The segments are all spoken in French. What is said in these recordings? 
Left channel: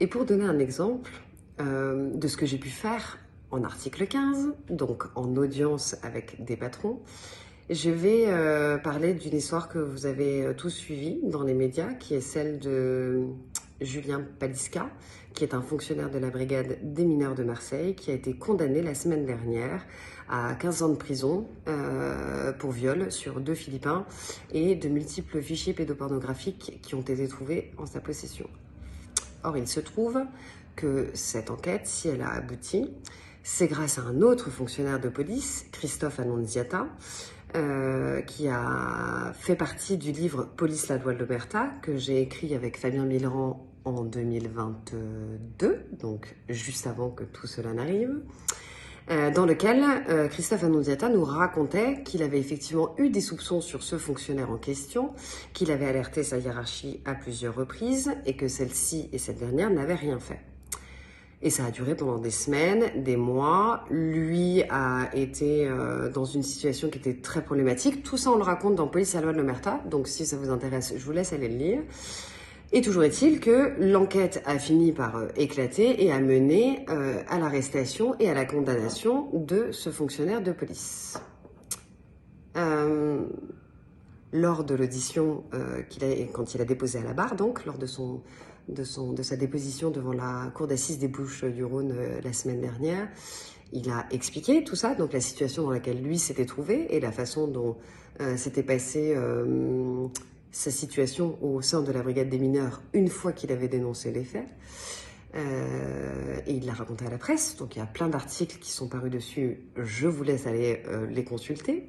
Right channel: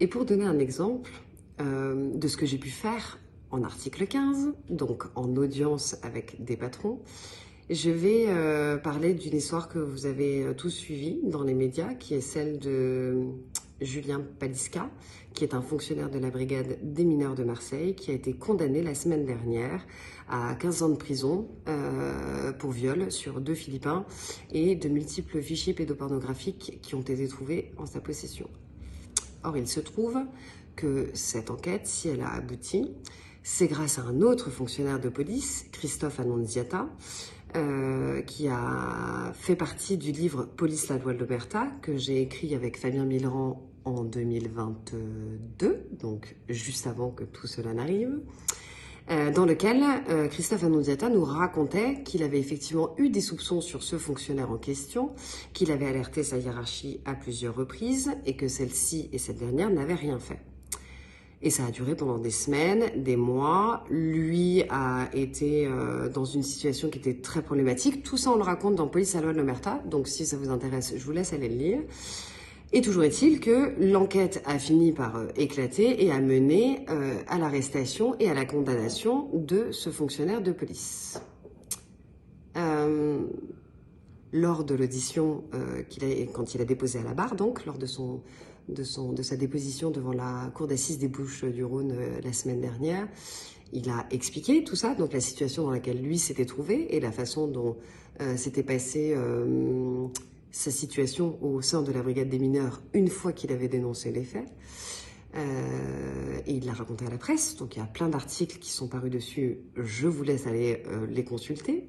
Et pour donner un exemple de ce que j'ai pu faire en article 15, donc en audience avec des patrons, je vais parler d'une histoire que vous avez tous suivie dans les médias, qui est celle de Julien Paliska, qui est un fonctionnaire de la brigade des mineurs de Marseille, qui a été condamné la semaine dernière à 15 ans de prison pour viol sur 2 Philippins et de multiples fichiers pédopornographiques qui ont été trouvés en sa possession. Or, il se trouve que cette enquête, si elle a abouti, c'est grâce à un autre fonctionnaire de police, Christophe Annunziata, qui a fait partie du livre « Police, la loi de l'Omerta » que j'ai écrit avec Fabien Millerand en 2022, donc juste avant que tout cela n'arrive, dans lequel Christophe Annunziata nous racontait qu'il avait effectivement eu des soupçons sur ce fonctionnaire en question, qu'il avait alerté sa hiérarchie à plusieurs reprises et que celle-ci et cette dernière n'avaient rien fait. Et ça a duré pendant des semaines, des mois. Lui a été dans une situation qui était très problématique. Tout ça, on le raconte dans Police, la loi de l'Omerta. Donc, si ça vous intéresse, je vous laisse aller le lire. Et toujours est-il que l'enquête a fini par éclater et a mené à l'arrestation et à la condamnation de ce fonctionnaire de police. Lors de l'audition quand il a déposé à la barre, donc lors de sa déposition devant la cour d'assises des Bouches-du-Rhône la semaine dernière, il a expliqué tout ça, donc la situation dans laquelle lui s'était trouvé et la façon dont s'était passée sa situation au sein de la brigade des mineurs une fois qu'il avait dénoncé les faits. Et il l'a raconté à la presse, donc il y a plein d'articles qui sont parus dessus, je vous laisse aller les consulter.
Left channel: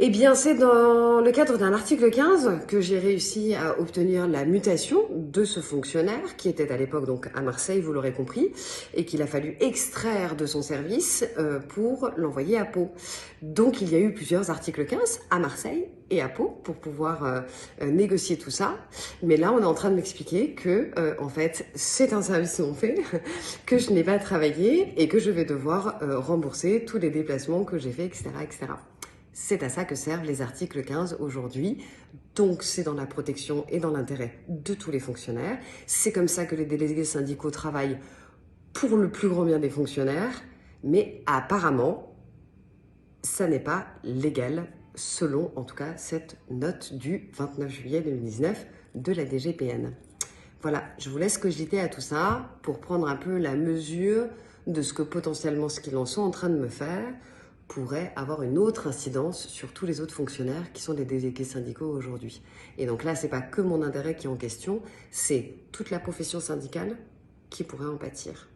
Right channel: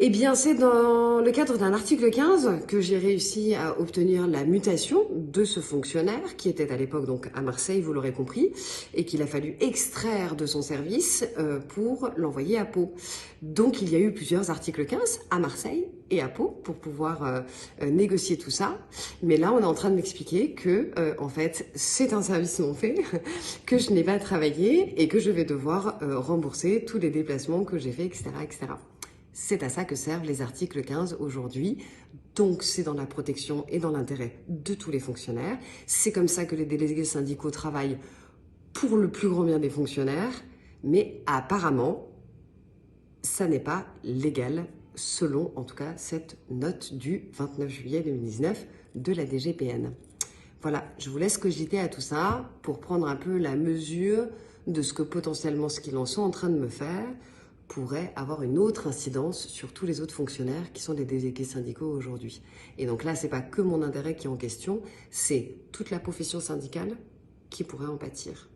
Eh bien, c'est dans le cadre d'un article 15 que j'ai réussi à obtenir la mutation de ce fonctionnaire, qui était à l'époque donc à Marseille, vous l'aurez compris, et qu'il a fallu extraire de son service pour l'envoyer à Pau. Donc, il y a eu plusieurs articles 15 à Marseille et à Pau pour pouvoir négocier tout ça. Mais là, on est en train de m'expliquer que, en fait, c'est un service non fait, que je n'ai pas travaillé et que je vais devoir rembourser tous les déplacements que j'ai faits, etc., etc. C'est à ça que servent les articles 15 aujourd'hui. Donc, c'est dans la protection et dans l'intérêt de tous les fonctionnaires. C'est comme ça que les délégués syndicaux travaillent pour le plus grand bien des fonctionnaires. Mais apparemment, ça n'est pas légal, selon en tout cas cette note du 29 juillet 2019 de la DGPN. Voilà, je vous laisse cogiter à tout ça pour prendre un peu la mesure de ce que potentiellement ce qu'ils en sont en train de me faire pourrait avoir une autre incidence sur tous les autres fonctionnaires qui sont des délégués syndicaux aujourd'hui. Et donc là, c'est pas que mon intérêt qui est en question, c'est toute la profession syndicale qui pourrait en pâtir.